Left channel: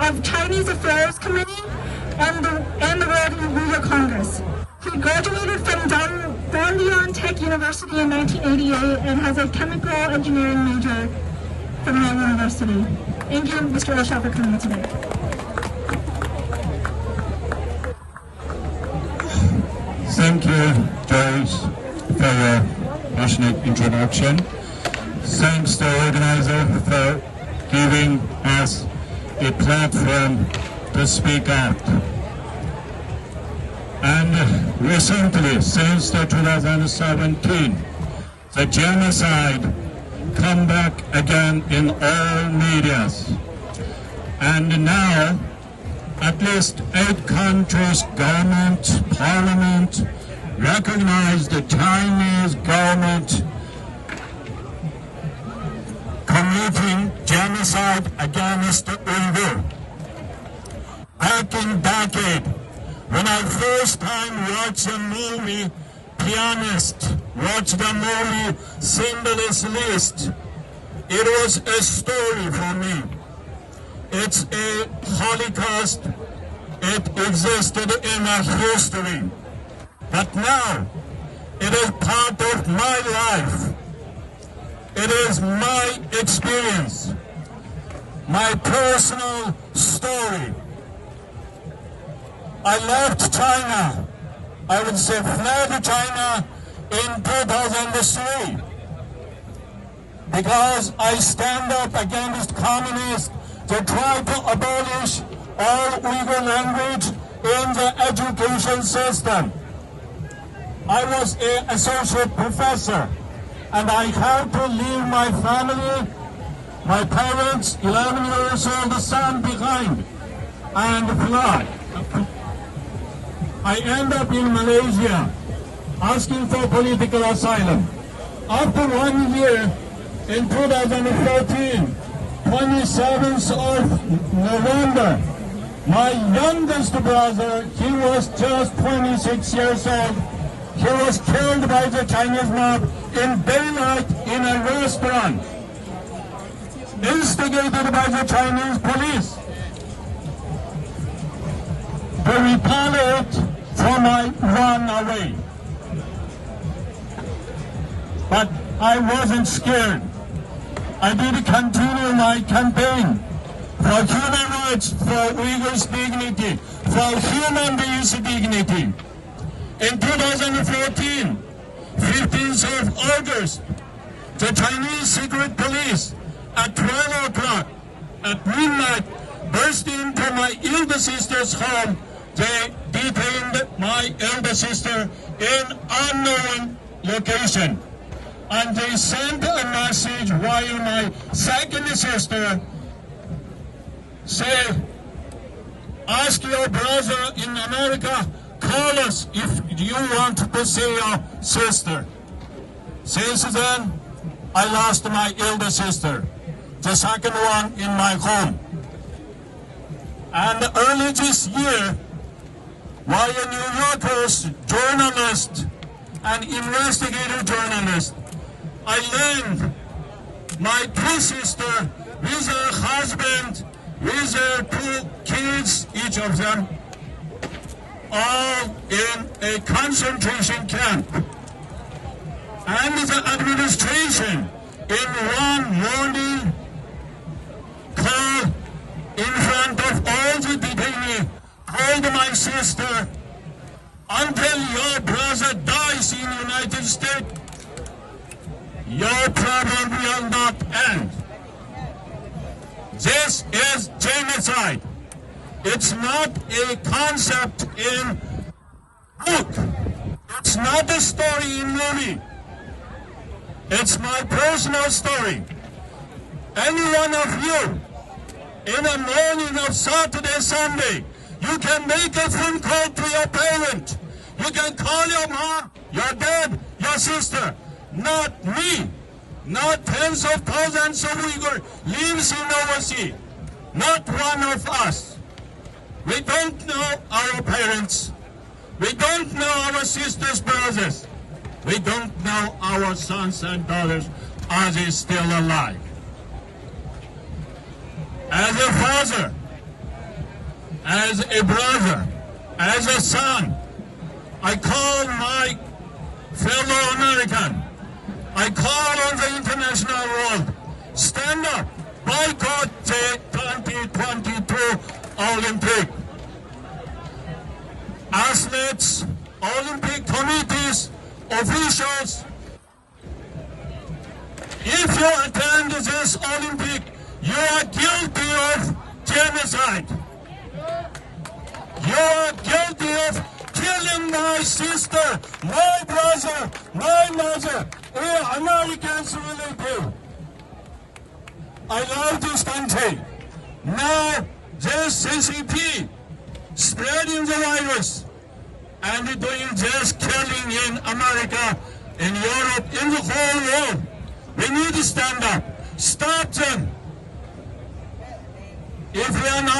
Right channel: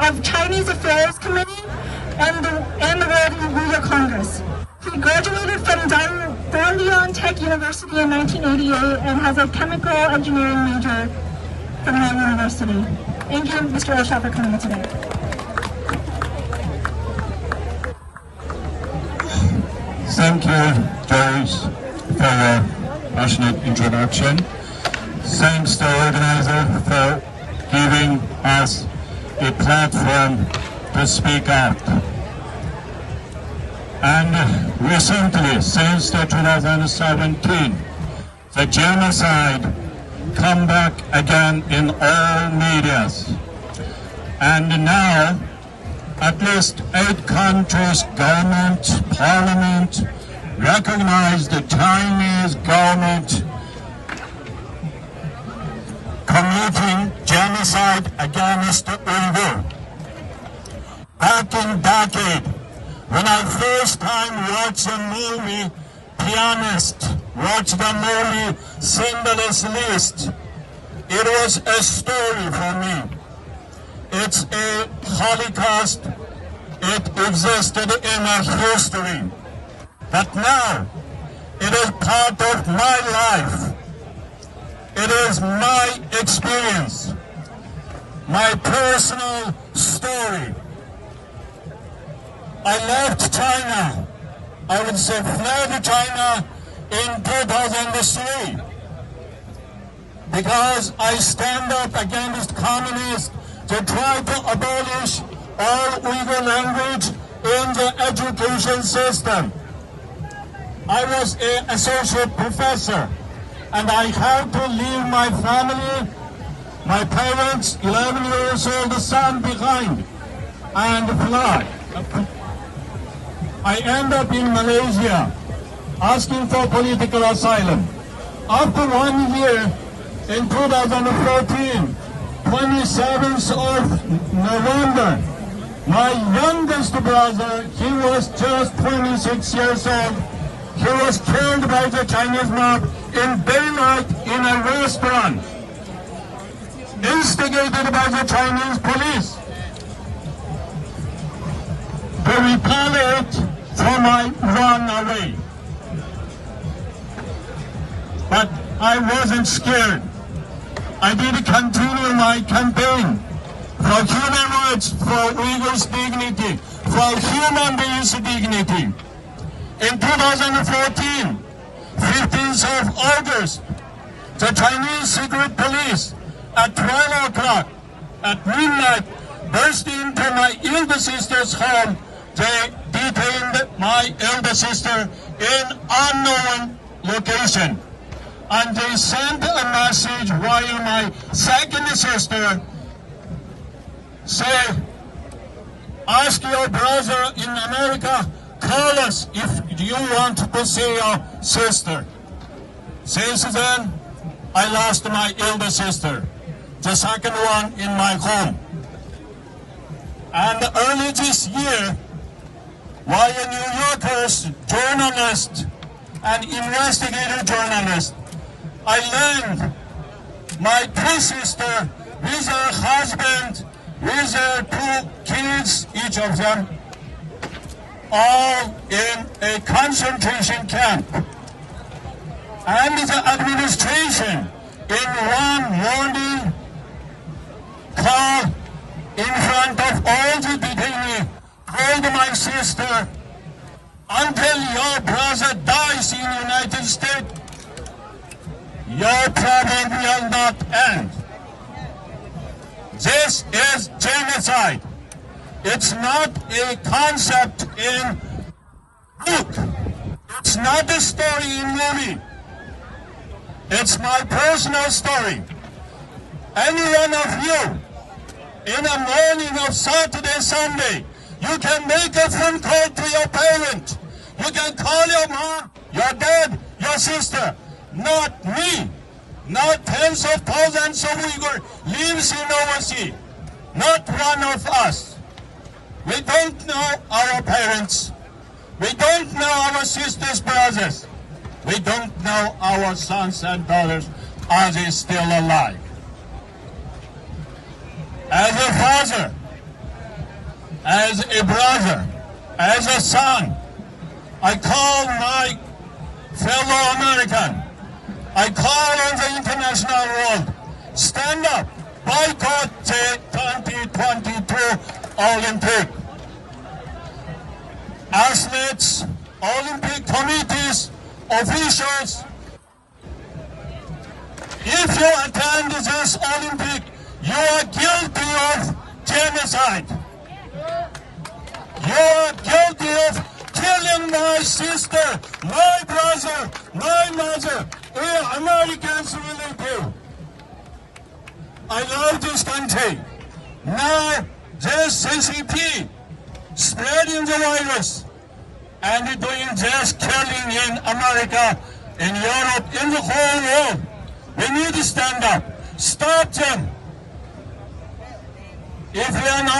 of Chinese Affairs Committee and the World Uyghur Congress. He graduated from Dalian Tech University in 1988 and has a chemical engineering major from that university. Thank you, Mr. Ilshat, for coming today. Thank you, Joyce, for your passionate introduction. Thanks to the organizer for giving us a platform to speak out. And recently, since the 2017, the genocide come back again in all medias. And now, at least 8 countries' government, parliament, recognize the Chinese government committing genocide against the Uyghurs. Back in decade, when I first time watched the movie Pianist, watched the movie Schindler's List, it was a story for me. It's a Holocaust. It existed in our history. But now, it is part of my life. It is my experience, my personal story. I left China, I would say fled China in 2003 because I stand up against communists to try to abolish all Uyghur language in the education system. I was an associate professor and I had to leave my family, my parents, 11 years old son behind and fly. I end up in Malaysia asking for political asylum. After 1 year, in 2014, 27th of November, my youngest brother, he was just 26 years old, he was killed by the Chinese mob in daylight in a restaurant, instigated by the Chinese police. To retaliate for my run away. But I wasn't scared. I did continue my campaign for human rights, for Uyghurs' dignity, for human beings' dignity. In 2014, 15th of August, the Chinese secret police at 12 o'clock at midnight burst into my elder sister's home. They detained my elder sister in unknown location. And they sent a message while my second sister said, ask your brother in America, call us if you want to see your sister. Since then, I lost my elder sister, the second one in my home. And early this year, while a New Yorker's journalist and investigative journalist, I learned my twin sister with her husband, with her 2 kids, each of them, all in a concentration camp. And the administration in one morning call in front of all the detainees, told my sister, until your brother dies in the United States, your problem will not end. This is genocide. It's not a concept in book. It's not a story in movie. It's my personal story. Any one of you, in the morning of Saturday, Sunday, you can make a phone call to your parent. You can call your mom, your dad, your sister. Not me. Not tens of thousands of Uyghurs lives in overseas. Not one of us. We don't know our parents. We don't know our sisters, brothers. We don't know our sons and daughters. Are they still alive? As a father, as a brother, as a son, I call my fellow American, I call on the international world, stand up, boycott the 2022 Olympic. Athletes, Olympic committees, officials, if you attend this Olympic, you are guilty of genocide. You are guilty of killing my sister, my brother, my mother, all Americans relative. I love this country. Now, this CCP spreading the virus and doing just killing in America, in Europe, in the whole world. We need to stand up. Stop them. If we are not